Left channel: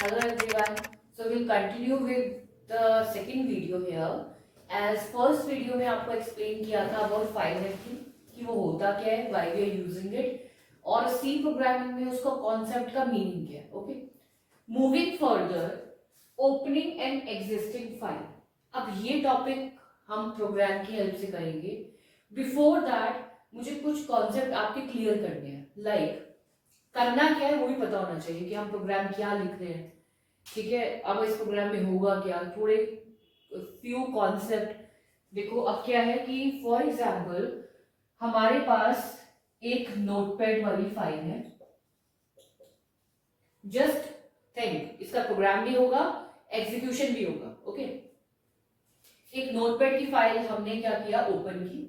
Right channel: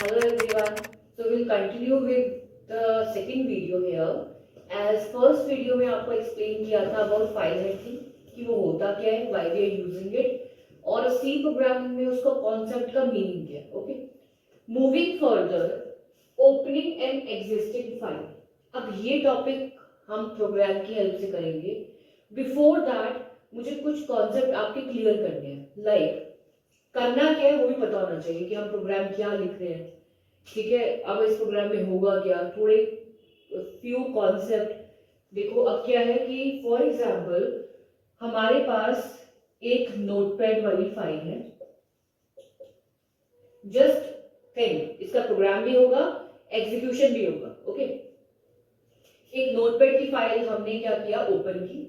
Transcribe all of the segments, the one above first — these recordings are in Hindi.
Hello everyone. So we'll continue with the second video here. As first video में आपको explain किया था about file hacking कि वो होता क्या है, why we are using it, और C programming में उसका concept का meaning क्या है. Okay. Moving further, opening an existing file. अब ये topic हम program की help से करेंगे. Before that मुझे कुछ concept आपके clear करने हैं. Like करना क्या है वो भी पता होना चाहिए कि हम प्रोग्राम क्या लिख रहे हैं. ठीक है, अब इस प्रोग्राम में होगा क्या, थोड़े फ्यू कॉन्सेप्ट देखो. अब क्या है कि फॉर एग्जांपल हमारे पास एक नोटपैड वाली फाइल है. जस्ट थिंक, इसका प्रोग्राम भी होगा, एग्जीक्यूशन भी होगा. ओके, एक नोटपैड की फाइल हमने क्या किया, ओपन की.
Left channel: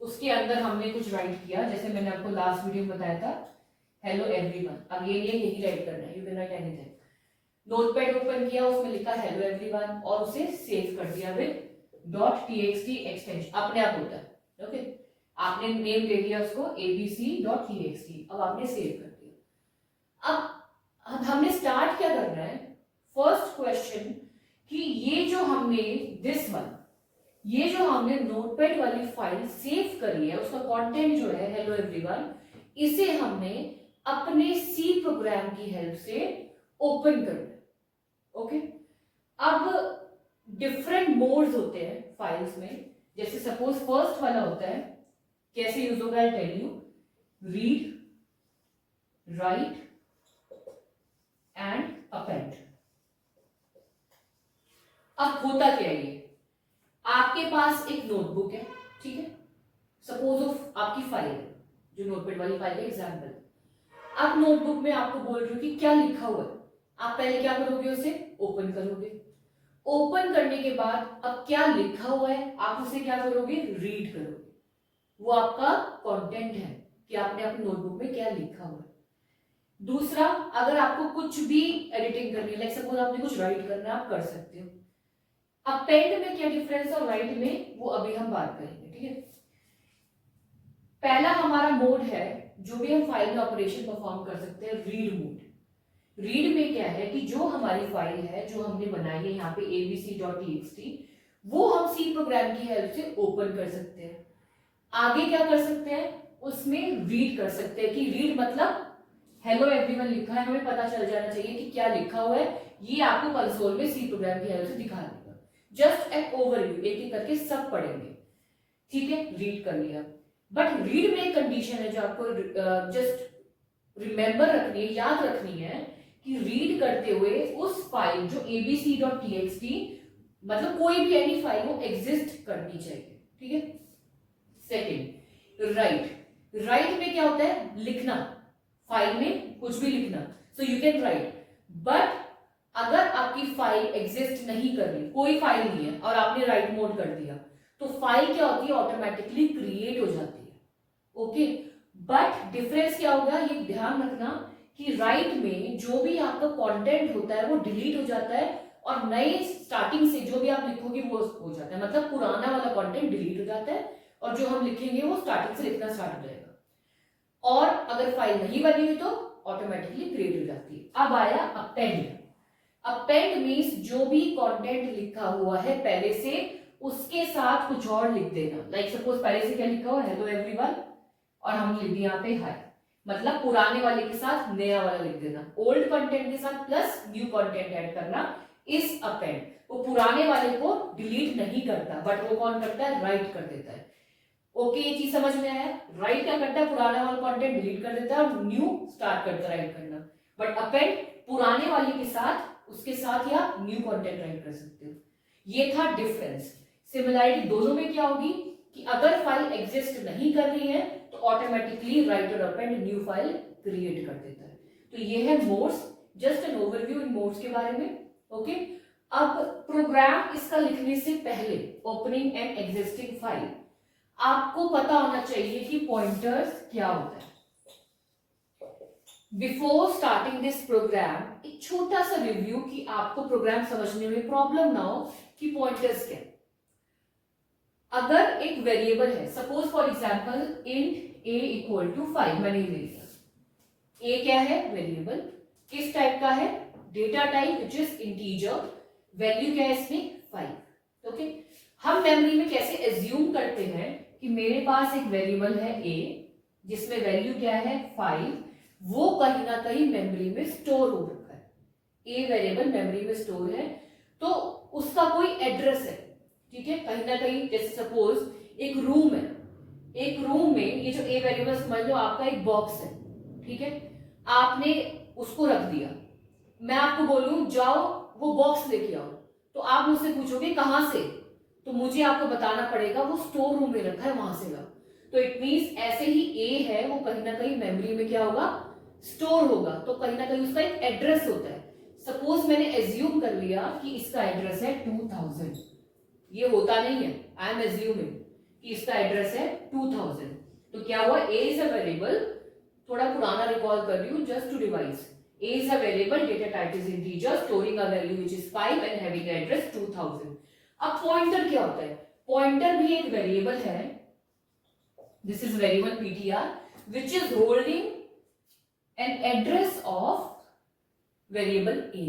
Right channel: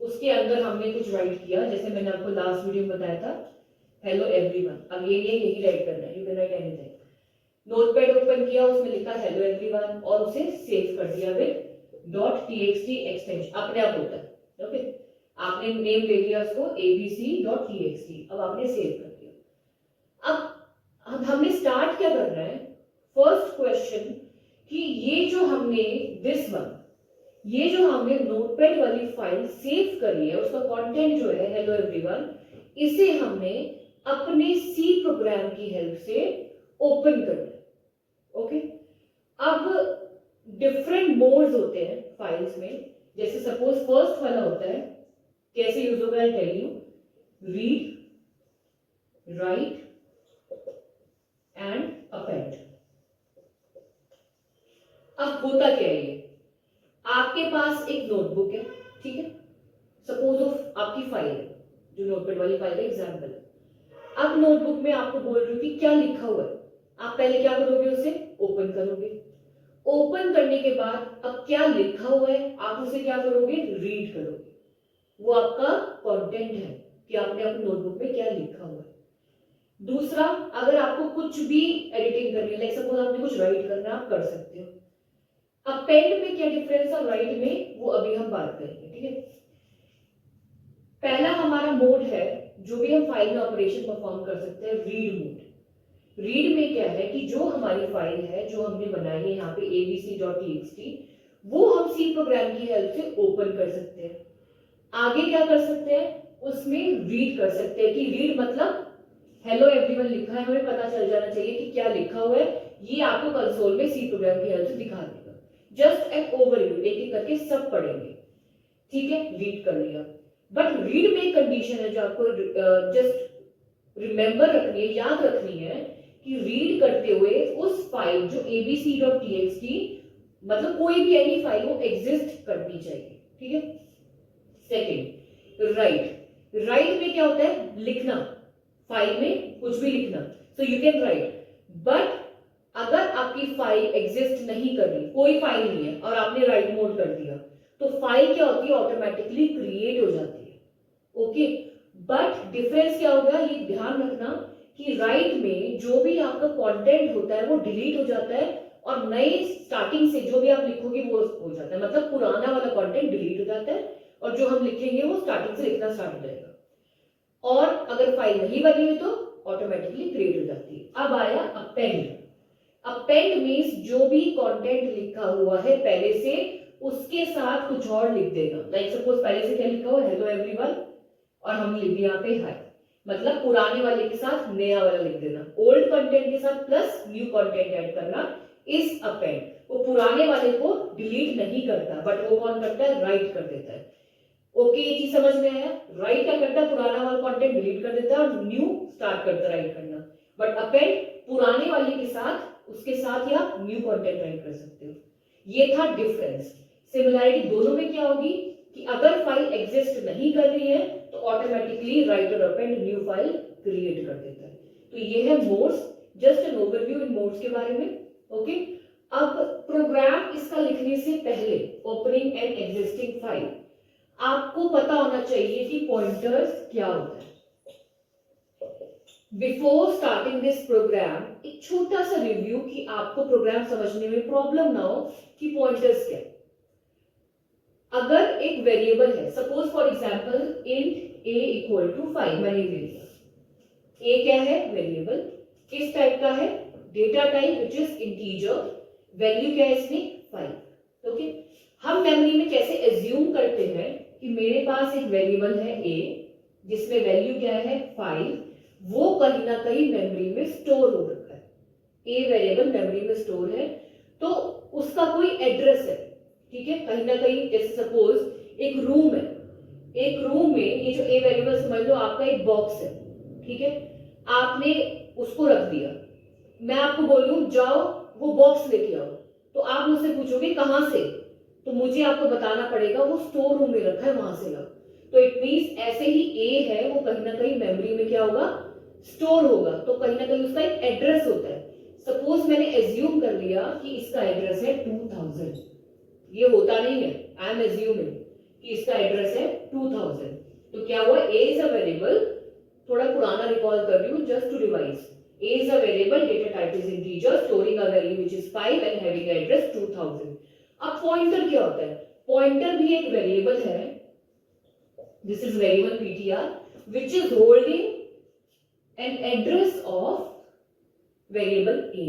उसके अंदर हमने कुछ राइट किया, जैसे मैंने आपको लास्ट वीडियो में बताया था, हेलो एवरीवन. अगेन ये यही राइट करना है, you can write anything. Notepad open किया, उसमें लिखा हेलो एवरीवन और उसे सेव कर दिया विद .txt एक्सटेंशन. अपने आप होता है. ओके, आपने नेम दे दिया उसको abc.txt. अब आपने सेव कर दिया. अब हमने स्टार्ट क्या करना है, फर्स्ट क्वेश्चन कि ये जो हमने ये जो हमने नोटपैड वाली फाइल सेव करी है, उसका कंटेंट जो है हेलो एवरीवन, इसे हमने अपने सी प्रोग्राम की हेल्प से ओपन करना है. ओके, अब डिफरेंट मोड्स होते हैं फाइल्स में. जैसे सपोज फर्स्ट वाला होता है, कैसे यूज होगा, I tell you. Read, write and append. अब होता क्या है, ये आपके पास एक नोटबुक है. ठीक है, सपोज ऑफ आपकी फाइल है, जो नोटपैड वाली फाइल है एग्जाम्पल. अब नोटबुक में आपको बोल रही हूँ कि क्या लिखा हुआ है. आप पहले क्या करोगे, उसे ओपन करोगे. ओपन करने के बाद अब क्या लिखा हुआ है आप उसे क्या करोगे, रीड करोगे. वो आपका कंटेंट है कि आपने अपनी नोटबुक में क्या लिखा हुआ है. दूसरा, अगर आपको कुछ भी एडिटिंग करनी है, लाइक सपोज आपने कुछ राइट करना है, आप कर सकते हो. अब पेंट में क्या डिफरेंस और राइट में, वो अभी हम बात करेंगे. ठीक है, पहला हमारा मोड है जो भी हम फाइल में ऑपरेशन परफॉर्म कर सकते हैं, रीड मोड. रीड में क्या है कि जो हमारी फाइल है, जो हमने बनाई है यहाँ पे abc.txt, वो हम सी प्रोग्राम की हेल्प से ओपन कर सकते हैं. आगे क्या कर सकते हैं, उसमें रीड कर सकते हैं. कि रीड मतलब हेलो एवरीवन लिखा है, हमें पता चल जाना चाहिए कि क्या लिखा हुआ है. ये आपको कंसोल में सी प्रोग्राम की हेल्प से दिखा देगा. जस्ट एन ओवरव्यू, एक एक करके सब पढ़ेंगे. ठीक है, रीड कर लिया. बट रीड में एक कंडीशन है जो आपको जस्ट रिमेंबर रखनी है, याद रखनी है, कि रीड करते हुए उस फाइल जो abc.txt, मतलब कोई भी एनी फाइल वो एग्जिस्ट करनी चाहिए. ठीक है. सेकंड, राइट में क्या होता है, लिखना. फाइल में कुछ भी लिखना, so you can write. But अगर आपकी फाइल एग्जिस्ट नहीं कर रही, कोई फाइल नहीं है और आपने राइट मोड कर दिया, तो फाइल क्या होती है, ऑटोमेटिकली क्रिएट हो जाती है. ओके, बट डिफरेंस क्या होगा, ये ध्यान रखना कि राइट में जो भी आपका कंटेंट होता है वो डिलीट हो जाता है और नए स्टार्टिंग से जो भी आप लिखोगे वो हो जाता है. मतलब पुराना वाला कंटेंट डिलीट हो जाता है और जो हम लिखेंगे वो स्टार्टिंग से लिखना स्टार्ट हो जाएगा. और अगर फाइल नहीं बनी है तो ऑटोमेटिकली क्रिएट हो जाती है. अब आया अपेंड. अपेंड मीन्स जो भी कंटेंट लिखा हुआ है पहले से, उसके साथ कुछ और लिख देना. लाइक सपोज पहले से क्या लिखा हुआ, हेलो एवरीवन, और हम लिख दिया यहाँ पे हाय. मतलब पुराने वाले के साथ नया वाला लिख देना. ओल्ड कंटेंट के साथ प्लस न्यू कंटेंट ऐड करना इस अपेंड. वो पुराने वाले को डिलीट नहीं करता, बट वो कौन करता है, राइट कर देता है. ओके, ये चीज समझ में आया. राइट क्या करता है, पुराना वाला कंटेंट डिलीट कर देता है और न्यू स्टार्ट करता है राइट करना. बट अपेंड पुराने वाले के साथ, उसके साथ या न्यू कंटेंट राइट कर सकते हो. ये था डिफरेंस. सिमिलरिटी दोनों में क्या होगी कि अगर फाइल एग्जिस्ट नहीं कर रही है तो ऑटोमेटिकली राइट और अपेंड न्यू फाइल क्रिएट कर देता है. तो ये है modes, just an overview in modes के बारे में. ओके, अब प्रोग्राम इसका लिखने से पहले, ओपनिंग एन एग्जिस्टिंग फाइल, आपको पता होना चाहिए कि पॉइंटर्स क्या होता है. बिफोर स्टार्टिंग दिस प्रोग्राम, एक छोटा सा रिव्यू कि आपको प्रोग्राम समझने में प्रॉब्लम ना हो कि पॉइंटर्स क्या. अगर एक वेरिएबल है, suppose for example int a equal to 5, मैंने ले लिया. ए क्या है, वेरिएबल. किस टाइप का है, data type which is integer, value क्या है इसमें 5। ओके, हम मेमोरी में कैसे एज्यूम करते हैं कि मेरे पास एक वेरिएबल है a जिसमें वैल्यू क्या है 5, वो कहीं ना कहीं मेमोरी में स्टोर हो रखा है, a वेरिएबल मेमोरी में स्टोर है, तो उसका कोई एड्रेस है, ठीक है, कहीं ना कहीं। जैसे सपोज एक रूम है, एक रूम में ये जो a वेरिएबल समझ लो आपका एक बॉक्स है, ठीक है, आपने उसको रख दिया, मैं आपको बोलूं जाओ वो बॉक्स लेके आओ, तो आप मुझसे पूछोगे कहां से, तो मुझे आपको बताना पड़ेगा वो स्टोर रूम में रखा है, वहां से लाओ। तो इट मींस ऐसे ही a है वो कहीं ना कहीं मेमोरी में क्या होगा, स्टोर होगा, तो कहीं ना कहीं उसका एक एड्रेस होता है। सपोज मैंने एज्यूम कर लिया कि इसका एड्रेस है 2000, ये होता नहीं है, आई एम एज्यूमिंग कि इसका एड्रेस है 2000, तो क्या हुआ, a इज अ वेरिएबल, थोड़ा पुराना रिकॉल कर रही हूं just to revise, a is a variable, data type is integer, storing a value which is 5 and having an address 2000। अब पॉइंटर क्या होता है, पॉइंटर भी एक वेरिएबल है, this is variable ptr which is holding an address of variable a।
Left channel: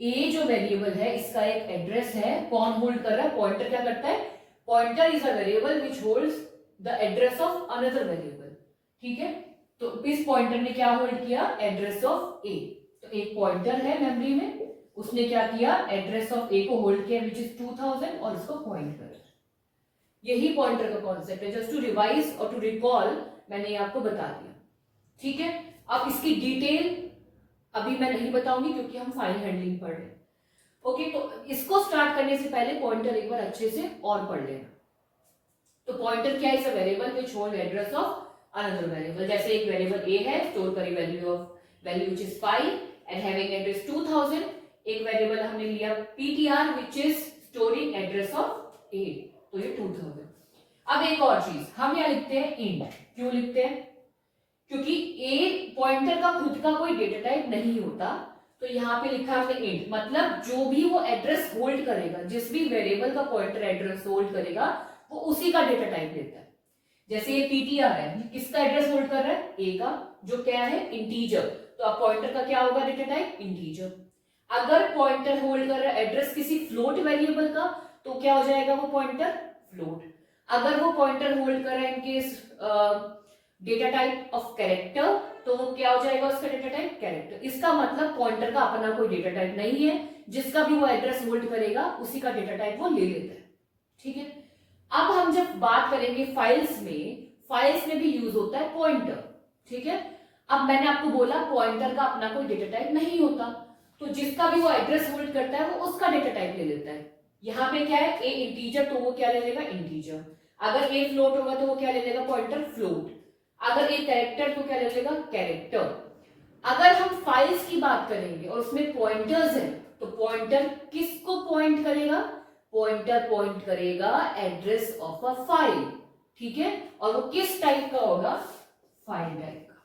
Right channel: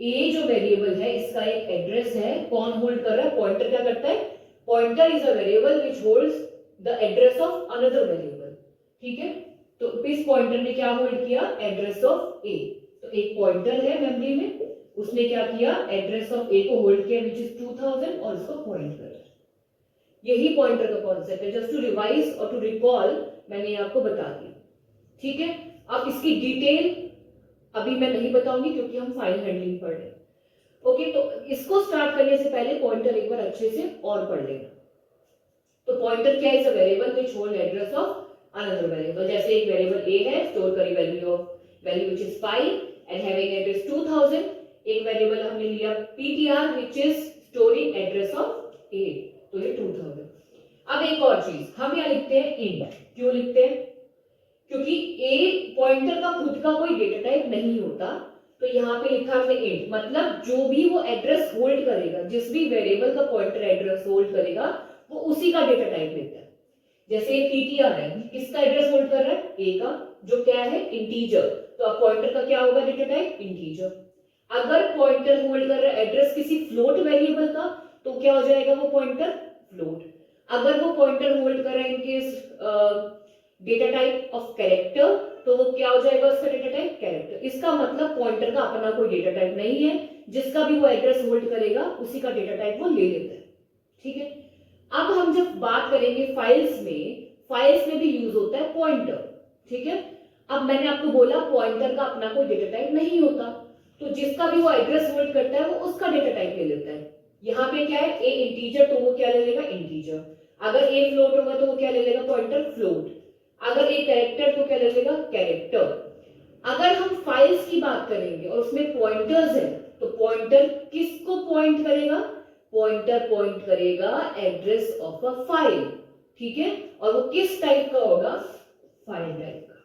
a जो वेरिएबल है इसका एक एड्रेस है, कौन होल्ड कर रहा है, पॉइंटर क्या करता है, pointer is a variable which holds the address of another variable, ठीक है, तो इस पॉइंटर ने क्या होल्ड किया, एड्रेस ऑफ a, तो एक पॉइंटर है मेमोरी में, उसने क्या किया, एड्रेस ऑफ a को होल्ड किया व्हिच इज 2000 और इसको पॉइंट कर, यही पॉइंटर का कॉन्सेप्ट है, जस्ट टू रिवाइज और टू रिकॉल मैंने आपको बता दिया, ठीक है। अब इसकी डिटेल अभी मैं नहीं बताऊंगी क्योंकि हम फाइल हैंडलिंग पढ़ रहे हैं, ओके, तो इसको स्टार्ट करने से पहले पॉइंटर एक बार अच्छे से और पढ़ लेना। तो पॉइंटर क्या है, variable which hold address of another variable, जैसे एक वेरिएबल a है, स्टोर करी value which is 5 and having address 2000, एक वेरिएबल हमने लिया ptr which is storing address of a, तो ये 2000। अब एक और चीज, हम यहाँ लिखते हैं int, क्यों लिखते हैं, क्योंकि a पॉइंटर का खुद का कोई डेटा टाइप नहीं होता, तो यहाँ पे लिखा हमने int, मतलब जो भी वो एड्रेस होल्ड करेगा, जिस भी वेरिएबल का पॉइंटर एड्रेस होल्ड करेगा वो उसी का डेटा टाइप लेता है। जैसे ये ptr है, किसका एड्रेस होल्ड कर रहा है, a का, जो क्या है इंटीजर, तो अब पॉइंटर का क्या होगा डेटा टाइप, इंटीजर। अगर पॉइंटर होल्ड कर रहा है एड्रेस किसी फ्लोट वेरिएबल का, तो क्या हो जाएगा वो पॉइंटर, फ्लोट। अगर वो पॉइंटर होल्ड कर रहा है in case data type of character, तो वो क्या हो जाएगा उसका डेटा टाइप, कैरेक्टर। इसका मतलब पॉइंटर का अपना कोई डेटा टाइप नहीं है, जिसका भी वो एड्रेस होल्ड करेगा उसी का डेटा टाइप वो ले लेता है, ठीक है। अब हम जब बात करेंगे फाइल्स में भी यूज होता है पॉइंटर, ठीक है। अब मैंने आपको बोला पॉइंटर का अपना कोई डेटा टाइप नहीं होता, तो जिसका भी वो एड्रेस होल्ड करता है वो उसका डेटा टाइप ले लेता है। यहाँ पे क्या है, a इंटीजर, तो वो क्या ले लेगा, इंटीजर। अगर a फ्लोट होगा तो वो क्या ले लेगा, पॉइंटर, फ्लोट। अगर a कैरेक्टर तो क्या ले लेगा, कैरेक्टर। अगर हम फाइल्स की बात करेंगे और उसमें पॉइंटर्स हैं, तो पॉइंटर किसको पॉइंट करेगा, पॉइंटर पॉइंट करेगा एड्रेस ऑफ अ फाइल, ठीक है, और वो किस टाइप का होगा, फाइल टाइप का,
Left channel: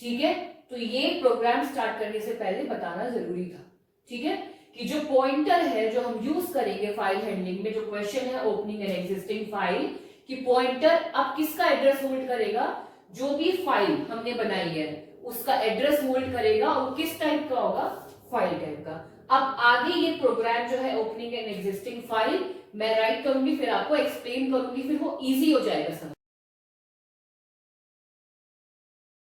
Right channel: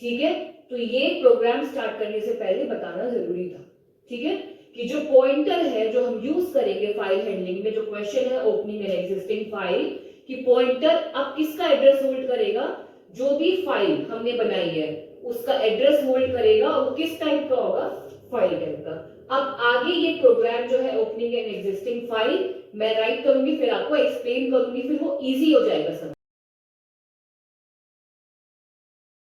ठीक है। तो ये प्रोग्राम स्टार्ट करने से पहले बताना जरूरी था, ठीक है, कि जो पॉइंटर है जो हम यूज करेंगे फाइल हैंडलिंग में, जो क्वेश्चन है ओपनिंग एन एग्जिस्टिंग फाइल, कि पॉइंटर अब किसका एड्रेस होल्ड करेगा, जो भी फाइल हमने बनाई है उसका एड्रेस होल्ड करेगा, और किस टाइप का होगा, फाइल टाइप का। अब आगे ये प्रोग्राम जो है ओपनिंग एन एग्जिस्टिंग फाइल मैं राइट करूंगी, फिर आपको एक्सप्लेन करूंगी, फिर वो इजी हो जाएगा समझ।